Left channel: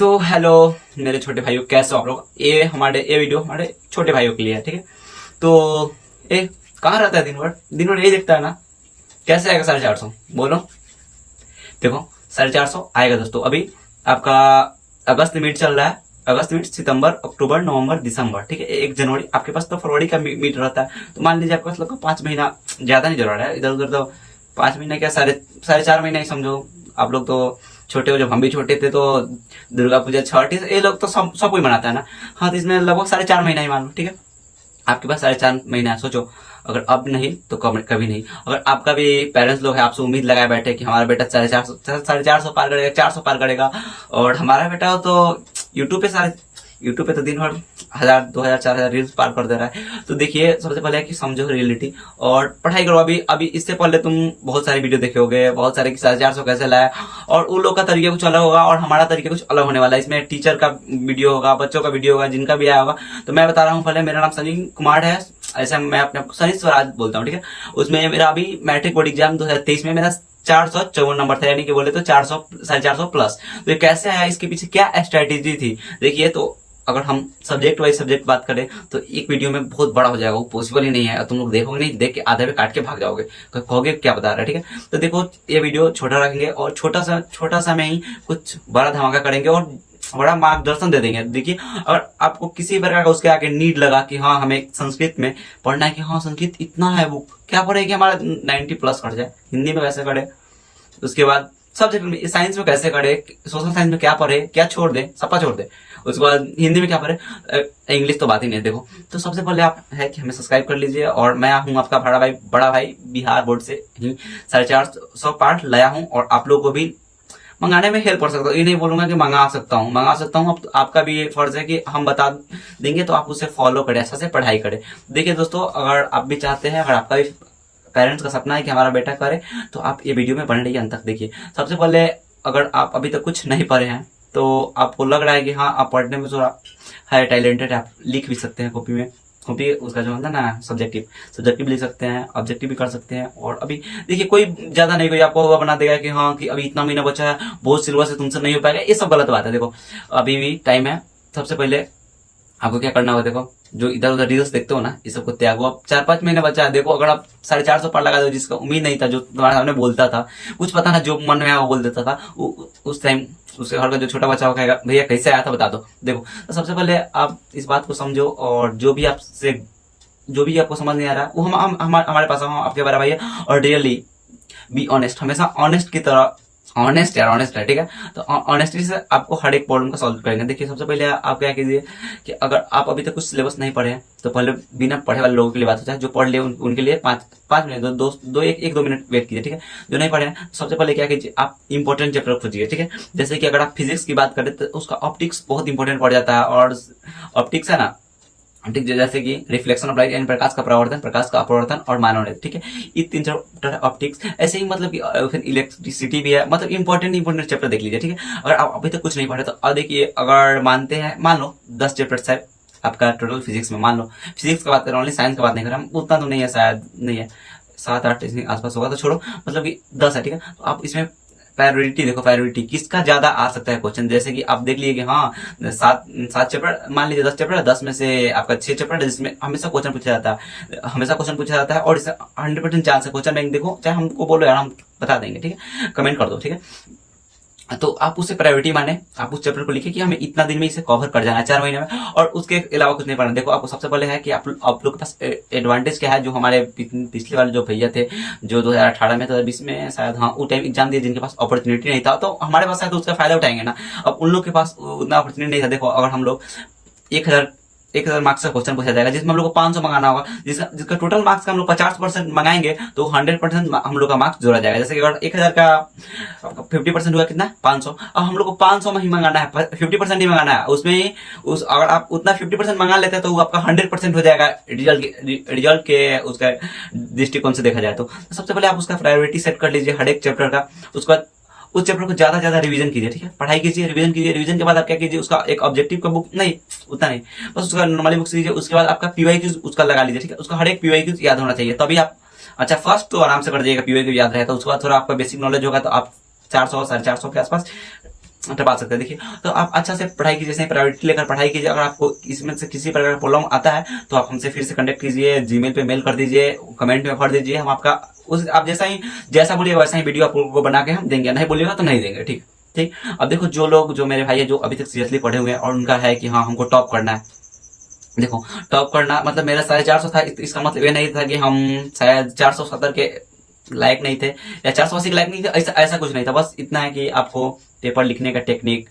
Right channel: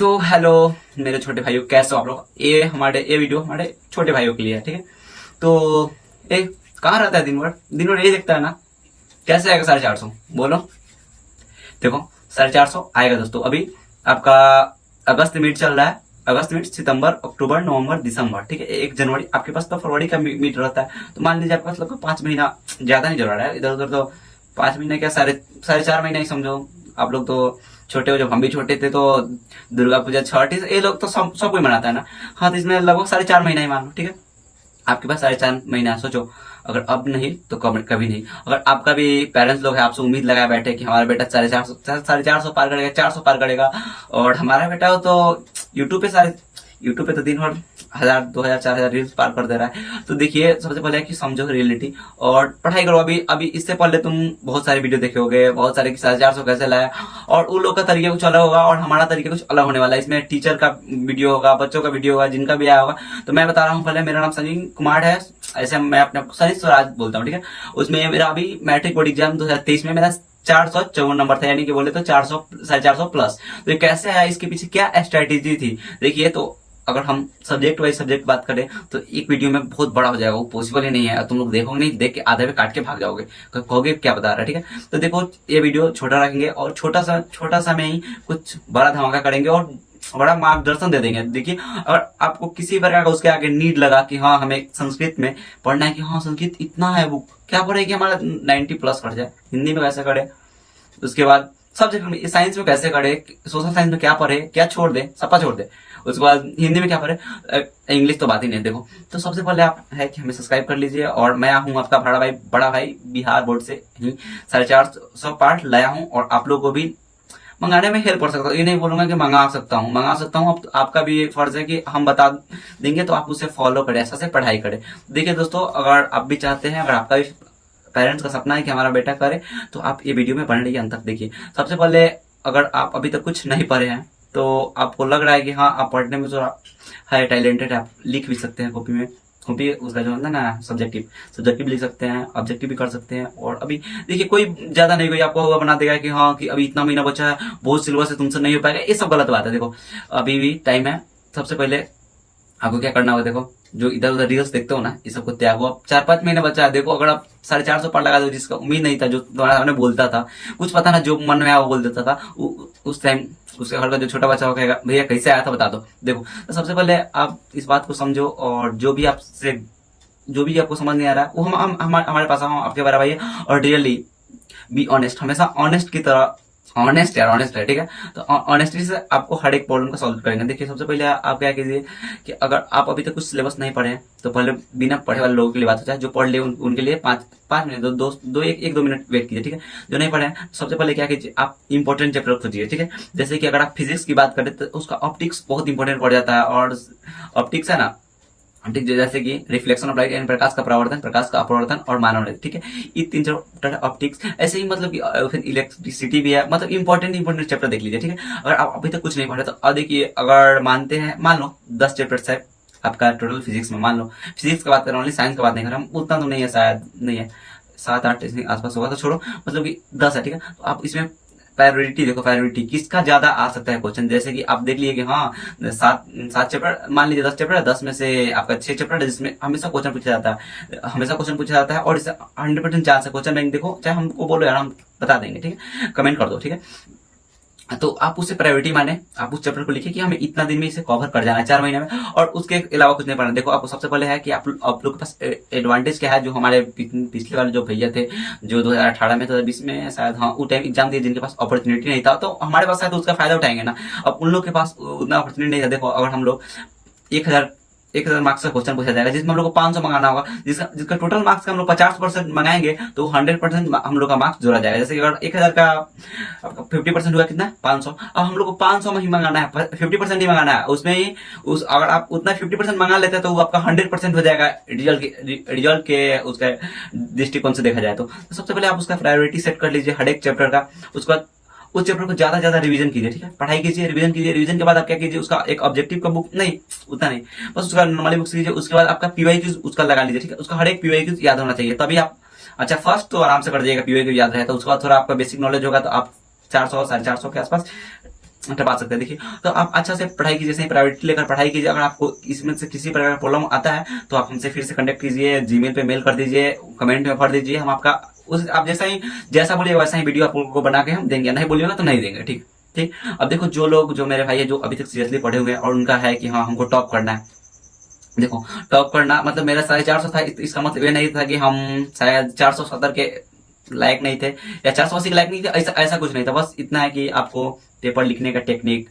तो हेलो मेरे छोटे भाइयों, कैसे हो आप लोग। ये वीडियो हमारे छोटे भाइयों के लिए है, ठीक है। तो ये कहाँ रहता है दिन भर ये देखता है ना। कैसे आएगा 450? बोलो। देखो 450 आएगा दोस्तों। अभी आपका अगस्त मीट चल रहा है। अगस्त मीट, सितंबर, अक्टूबर, नवंबर, दिसंबर, ठीक है। 1 जनवरी आपके पास तो फरवरी का मीट रहता है। तो मान लीजिए आपके पास लगभग 5 महीना, ज्यादा नहीं जरूर है इधर उधर। तो 5 महीना क्या, साढ़े 4 महीना ही समझो। आप लोग तो छोटे हो, जब हम भी छोटे थे तो दुर्गा पूजा, छठ, ये लोग तो सब कोई मनाता है ना। हाँ, तो इसमें लगभग 4.5 महीना ही मान लो, ठीक है। आपके पास 4.5 महीना है। सोचो, अगर अब नहीं तो कभी नहीं। अगर आपका भी पेरेंट्स लोग हैं, आपसे उम्मीद लगाए बैठे कि हमारा बेटा 450 पार करेगा, 400 पार करेगा, और हमारा बेटा हो तो यूट्यूब पे तो दिन भर 1000, 2000, 4000 रील्स पार कर दे रहा है। तो देखिए, सबसे पहले है कि समझो रियलिटी और पढ़ाई करो। अभी इससे पहले तुम बहुत सारी वीडियो देखे होगे, बहुत सारे कि 450 कैसे लाया, और उन लोग का तरीका कुछ अलग होगा और हमारा तरीका कुछ अलग होने वाला है। इसमें टीचर का वीडियो होगा, बच्चों का वीडियो होगा, जिनका भी आया होगा। तो मैं बता रहा हूँ, पहले मेरा नाम संजीव कुमार है। ऐसे मैं अपने सनी स्वराज बोलता हूँ, ठीक है। उसमें मेरा अभी मैट्रिक बोर्ड एग्जाम 2023 में मेरा 454 नंबर था, यानी कि बोले तो 400, 450 प्लस। तो ये कैसे आया, इसके पीछे क्या स्ट्रेटेजी थी, देखिए। तो अगर हम सब्जेक्ट वाइज सब्जेक्ट बात करें तो एक वीडियो में बहुत बड़ा हो जाएगा, वो पॉसिबल ही नहीं है। तुम लोग देखोगे नहीं, देख के आधे पे काट के भाग जाओगे, कहोगे क्या बता रहा है, ठीक है। तो देखो, ये वीडियो छोटा रखेंगे और छोटा सा में ही कुछ बड़ा धमाका करेंगे और बड़ा मार्गदर्शन दे देंगे। देखिए, अगर आपको किसी प्रकार का उसके आगे नीड लगा कि हाँ हमें संस्कृत में पढ़ना है, कि हाँ संस्कृत इतना है, वो क्या पढ़े कि हमारा 90+ कट जाए, हिंदी में कैसे करे, उसके बाद सब्जेक्ट में, साइंस में कैसे करे, सोशल साइंस में क्या पढ़े, क्या छोड़ दे, सपा छोड़ दे, उसके बाद हिंदी में क्या पढ़े, इंग्लिश तो बात ही नहीं। देखो, तो सबसे पहले आप है कि हमें सब्सक्राइब कर लीजिए। और मैं हूं आपका बड़ा भाई बिहार बोर्ड से ही 450 पार्ट लाया हूं, और आप लोग को भी मंगाने में हेल्प कर सकता हूँ। ये नहीं बोलूंगा कि मंगा सकता हूँ। आपका भी फर्ज है कि हम बता देंगे तो आप उसे फॉलो करें, अच्छा से पढ़ाई करें। देखिए दोस्तों, अगर आप भी चाहते हैं, अगर आपका भी पेरेंट्स का सपना है कि हमारा बेटा करे, तो आप ये वीडियो में बने रहिए अंत तक देखिए। सबसे पहले, अगर आप अभी तक कुछ नहीं पढ़े हैं तो आपको लग रहा है कि हाँ आप पढ़ने में थोड़ा है टैलेंटेड, आप लिख भी सकते हैं कॉपी उसका जो होता है ना, सब्जेक्टिव लिख सकते हैं, ऑब्जेक्टिव भी कर सकते हैं। और अभी देखिए, कोई ज्यादा नहीं, कोई आपको हुआ बना देगा कि हाँ कि अभी इतना महीना बचा है, बहुत सिलेबस है, तुमसे नहीं हो पाएगा, ये सब गलत बात है। देखो, अभी भी टाइम है। सबसे पहले आपको क्या करना होगा, देखो, जो इधर उधर रील्स देखते हो ना, ये सबको त्यागो। अब 4-5 महीने बचा है। देखो, अगर आप 450 पार लगा दो, जिसका उम्मीद नहीं था, जो तुम्हारे सामने बोलता था, कुछ पता ना, जो मन में आया वो बोल देता था, उस टाइम उसके घर का जो छोटा बच्चा हो कहेगा भैया कैसे आया था बता दो। देखो, तो सबसे पहले आप इस बात को समझो, और जो भी आपको समझ नहीं आ रहा है वो हमारे पास आपके बराबर है। और रियली बी ऑनेस्ट, हमेशा ऑनेस्ट की तरह, ऑनेस्ट है, ठीक है। तो ऑनेस्टी से आपको हर एक प्रॉब्लम का सॉल्व करेंगे। देखिए, सबसे पहले आप क्या कीजिए कि अगर आप अभी तक कुछ सिलेबस नहीं पढ़े हैं तो पहले बिना पढ़े वाले लोगों के लिए बात होता है। जो पढ़ ले उनके लिए 5 मिनट, 2 मिनट वेट कीजिए, ठीक है। जो नहीं पढ़े हैं, सबसे पहले क्या कीजिए, आप इंपॉर्टेंट चैप्टर खोजिए, ठीक है। जैसे कि अगर आप फिजिक्स की बात करें तो उसका ऑप्टिक्स बहुत इंपॉर्टेंट पड़ जाता है। और ऑप्टिक्स है ना, ठीक, जैसे कि रिफ्लेक्शन ऑफ लाइट यानी प्रकाश का अपवर्तन और मानव, ठीक है। ये 3 चैप्टर ऑप्टिक्स। ऐसे ही मतलब कि इलेक्ट्रिसिटी भी है, मतलब इंपॉर्टेंट चैप्टर देख लीजिए, ठीक है। अगर आप अभी तक कुछ नहीं पढ़े तो अब देखिए, अगर मान लो 10 चैप्टर है आपका टोटल फिजिक्स में, मान लो फिजिक्स की बात कर रहे हैं, ओनली साइंस की बात नहीं कर रहे हम, उतना तो नहीं है, शायद नहीं है, 7-8 आसपास होगा, तो छोड़ो, मतलब कि 10 है, ठीक है। तो आप इसमें प्रायोरिटी देखो, प्रायोरिटी किसका ज्यादा आ सकता है क्वेश्चन। जैसे कि आप देख लिए कि हाँ 7 चैप्टर, मान लीजिए 10 चैप्टर है, 10 में से आपका 6 चैप्टर है जिसमें हमेशा क्वेश्चन पूछा जाता है, और इससे 100% चांस है क्वेश्चन बैंक। देखो, चाहे हमको बोलो यार, हम बता देंगे, ठीक है, कमेंट कर दो, ठीक है। तो आप उसे प्रायोरिटी माने, आप उस चैप्टर को लिखिए कि हमें इतना दिन में इसे कवर कर जाना है, 4 महीने में, और उसके अलावा कुछ नहीं पढ़ना। देखो, आपको सबसे पहले है कि आप लोग के पास एडवांटेज क्या है, जो हमारे पिछले वाले जो भैया थे, जो 2018 में, 2020 में शायद, हाँ उस टाइम एग्जाम दिए, जिनके पास अपॉर्चुनिटी नहीं था, तो हमारे पास शायद उसका फायदा उठाएंगे ना। अब उन लोग के पास उतना अपॉर्चुनिटी नहीं था। देखो, अगर हम लोग 1000 मार्क्स का क्वेश्चन पूछा जाएगा, जिसमें हम लोग को 500 मंगाना होगा, जिसका टोटल मार्क्स का हम लोग 50% मंगाएंगे, तो 100% हम लोग का मार्क्स जोड़ा जाएगा। जैसे कि अगर 1000 का 50% हुआ कितना, 500। अब हम लोग को 500 में ही मंगाना है, 50% ही मंगाना है उसमें ही। अगर आप उतना 50% मंगा लेते हैं तो वो आपका 100% हो जाएगा रिजल्ट के उसका दृष्टिकोण से देखा जाए तो। सबसे पहले आप उसका प्रायोरिटी सेट कर लीजिए हर एक चैप्टर का। उसके बाद उस चैप्टर को ज्यादा रिवीजन कीजिए, ठीक है, पढ़ाई कीजिए, रिवीजन कीजिए। रिवीजन के बाद आप क्या कीजिए, उसका एक ऑब्जेक्टिव का बुक, नहीं उतना नहीं, बस उसका नॉर्मली बुक लीजिए। उसके बाद आपका पीवाईक्यूज उसका लगा लीजिए, ठीक है। उसका हर एक पीवाईक्यूज याद होना चाहिए, तभी आप अच्छा फर्स्ट तो आराम से कर जाइएगा, पीवाईक्यू याद रहे तो। उसके बाद थोड़ा आपका बेसिक नॉलेज होगा तो आप 400 450 के आसपास टपा सकते हैं। देखिए, तो आप अच्छा से पढ़ाई कीजिए, सही प्रायोरिटी लेकर पढ़ाई कीजिए। अगर आपको इसमें से किसी प्रकार का प्रॉब्लम आता है तो आप हमसे फिर से कनेक्ट कीजिए, जीमेल पे मेल कर दीजिए, कमेंट में भर दीजिए। हम आपका आप जैसा बोलिएगा वैसा ही वीडियो आपको बना के हम देंगे, नहीं बोलिएगा तो नहीं देंगे। ठीक ठीक। अब देखो, जो मेरे भाई है जो अभी तक सीरियसली पढ़े हुए हैं और उनका है कि हाँ हमको टॉप करना है। देखो, टॉप करना मतलब मेरा 450 था, इसका मतलब ये नहीं था कि हम शायद 470 के लायक नहीं थे या 480 के लायक नहीं थे, ऐसा कुछ नहीं था। बस इतना है कि आपको पेपर लिखने का टेक्निक,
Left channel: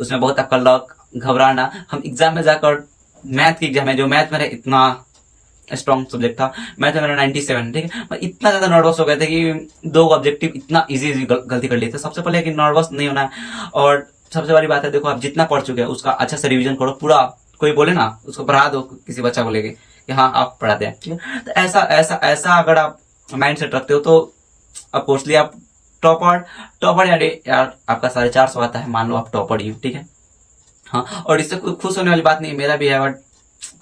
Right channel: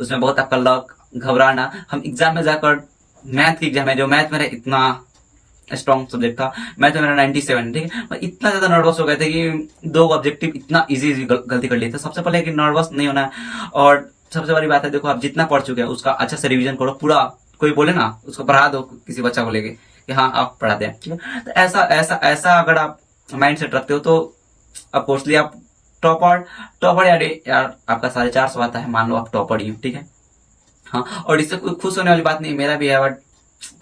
उसमें बहुत आपका लक, घबराना। हम एग्जाम में जाकर मैथ की एग्जाम है, जो मैथ मेरा इतना स्ट्रॉन्ग सब्जेक्ट था, मैथ में मेरा 97, ठीक है। मैं इतना ज्यादा नर्वस हो गए थे कि 2 ऑब्जेक्टिव इतना इजी गलती कर लिए थे। सबसे पहले कि नर्वस नहीं होना है, और सबसे बड़ी बात है, देखो आप जितना पढ़ चुके हैं उसका अच्छा से रिवीजन करो पूरा। कोई बोले ना उसको पढ़ा दो, किसी बच्चा को लेके कि हाँ आप पढ़ाते हैं, ठीक है। तो ऐसा अगर आप माइंड सेट रखते हो तो अफकोर्सली आप टॉपर यार आपका 450 आता है, मान लो आप टॉपर ही हो, ठीक है। हाँ, और इससे खुश होने वाली बात नहीं, मेरा भी है, बट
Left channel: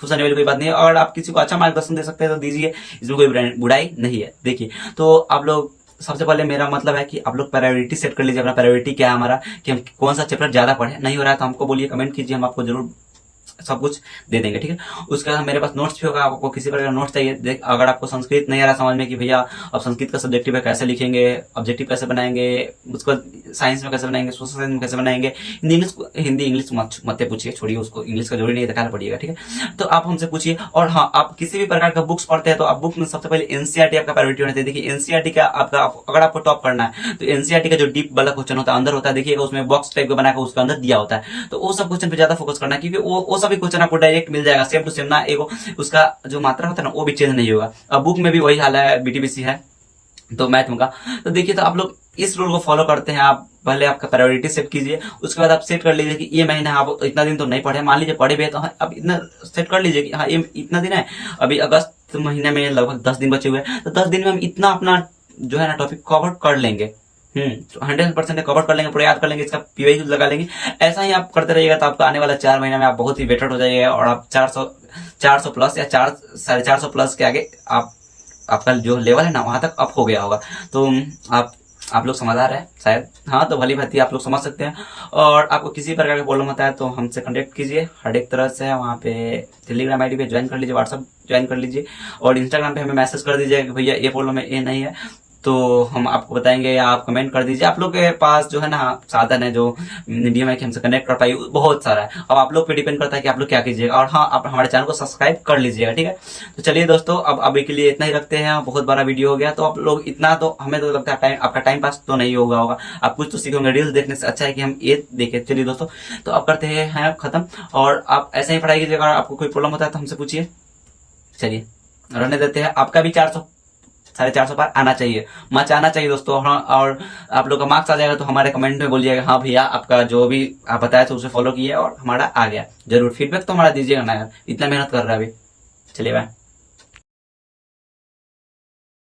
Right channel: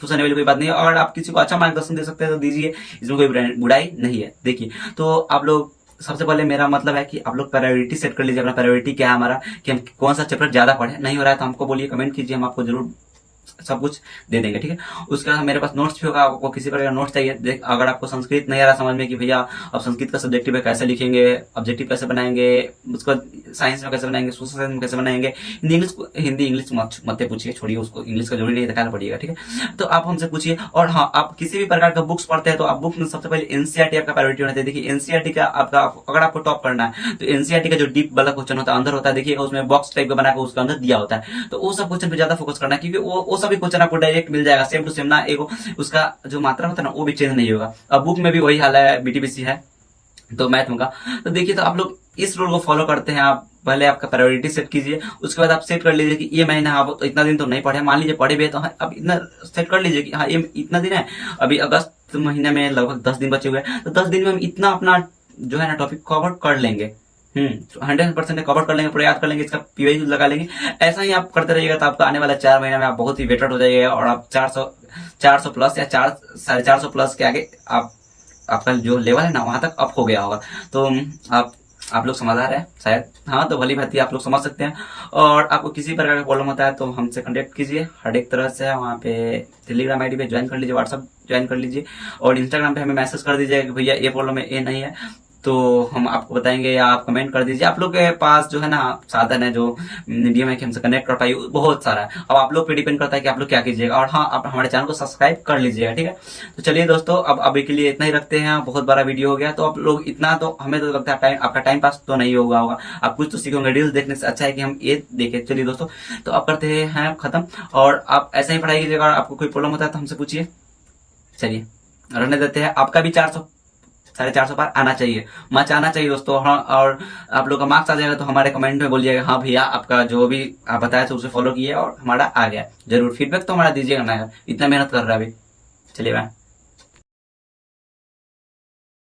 खुश होने वाली कोई बात नहीं है। और आप किसी को अच्छा मार्गदर्शन दे सकते हैं तो दीजिए, इसमें कोई बुराई नहीं है। देखिए, तो आप लोग सबसे पहले मेरा मतलब है कि आप लोग प्रायोरिटी सेट कर लीजिए। अपना प्रायोरिटी क्या है हमारा, कि हम कौन सा चैप्टर ज्यादा पढ़े। नहीं हो रहा है तो हमको बोलिए, कमेंट कीजिए, हम आपको जरूर सब कुछ दे देंगे, ठीक है। उसके बाद मेरे पास नोट्स भी होगा, आपको किसी प्रकार का नोट्स चाहिए। अगर आपको संस्कृत नहीं आ रहा समझ में कि भैया अब संस्कृत का सब्जेक्टिव है कैसे लिखेंगे, ऑब्जेक्टिव कैसे बनाएंगे, उसको साइंस में कैसे बनाएंगे, सोशल साइंस में कैसे बनाएंगे, हिंदी इंग्लिश मत पूछिए, छोड़िए उसको, इंग्लिश का जरूरी नहीं दिखाना पड़ेगा, ठीक है। तो आप हमसे पूछिए। और हाँ, आप किसी भी प्रकार का बुक्स पढ़ते हैं तो आप बुक में सबसे पहले एनसीईआरटी आपका प्रायोरिटी होना चाहिए। देखिए, एनसीईआरटी का अगर आपको टॉप करना है तो एनसीईआरटी का जो डीप वाला क्वेश्चन होता है अंदर होता है, देखिएगा उसमें बॉक्स टाइप का बनाकर उसके अंदर दिया होता है, तो वो सब क्वेश्चन पे ज्यादा फोकस करना है, क्योंकि वो सभी क्वेश्चन आपको डायरेक्ट मिल जाएगा सेम टू सेम ना। एगो उसका जो मात्रा होता है ना वो भी चेंज नहीं होगा। अब बुक में भी वही हाल है, बीटीबीसी है तो मैथ में का। तो देखिए, तो आप लोग इस रूल को फॉलो करते हैं। आप पहले आपका प्रायोरिटी सेट कीजिए, उसके बाद आप सेट कर लीजिए कि ये महीना आप इतना दिन तो नहीं पढ़े, मान लीजिए पढ़े भी है तो अब इतना सेट कर लीजिए कि हाँ ये इतना दिन है, अभी अगस्त महीने में लगभग 10 दिन बचे हुए हैं, तो 10 दिन में हम इतना अपना जो है ना टॉपिक कवर कर लेंगे। 100% कवर कर लेंगे, पूरा याद कर लेंगे, इसका पीवाई लगा लेंगे। ऐसा ही आप करते रहिएगा तो आपका आने वाला 4 महीने में आप बहुत ही बेटर हो जाइएगा, और आप 400 प्लस या 450 प्लस के आगे आपका जो लेवल है ना वहां तक अप हो गया होगा। तो आप लोग समझदार हैं शायद, हाँ, तो भली भांति आप लोग समझ सकते हैं। और आपको किसी प्रकार का प्रॉब्लम होता है तो हमसे कांटेक्ट कीजिए हर एक तरह से। वहाँ पे टेलीग्राम आईडी पे ज्वाइन कर लीजिए, व्हाट्सअप ज्वाइन कर लीजिए, और इंस्टाग्राम पे हमें मैसेज कर दीजिए कि भैया ये प्रॉब्लम है, ये नहीं है, तो हम आपको बताएंगे, या आप कमेंट कर दीजिए। आप लोग के पास जो है ना साधन है जो मीडियम है कि हमसे कनेक्ट कर पाए, बहुत सारा है। अब आप लोग पे डिपेंड करता है कि आप लोग क्या कीजिएगा। और हाँ, आप हमारे चैनल को सब्सक्राइब कर लीजिएगा, ठीक है। तो चलिए दोस्तों, अब अभी के लिए इतना ही रखते हैं, बहुत बड़ा वीडियो हो गया। तो आप लोग इतना तो हमें तो लगता है आपका टाइम पास तो नहीं होगा, आप कुछ तो सीखेंगे। रील्स देखने से अच्छा है कि हम ये देखें। चलिए दोस्तों, तो अब करते हैं खत्म, और आप ऐसे ही पढ़ाई कीजिएगा। आपको कोई प्रॉब्लम होता है तो हमसे पूछिए। चलिए रहने देते हैं। आपका भी 450 पार आना चाहिए, मच आना चाहिए दोस्तों। हाँ, और आप लोग का मार्क्स आ जाएगा तो हमारे कमेंट में बोलिएगा हाँ भैया आपका जो भी आप बताया था उसे फॉलो किया और हमारा आ गया। जरूर फीडबैक तो हमारा दीजिएगा ना यार, इतना मेहनत कर रहा है अभी। चलिए बाय।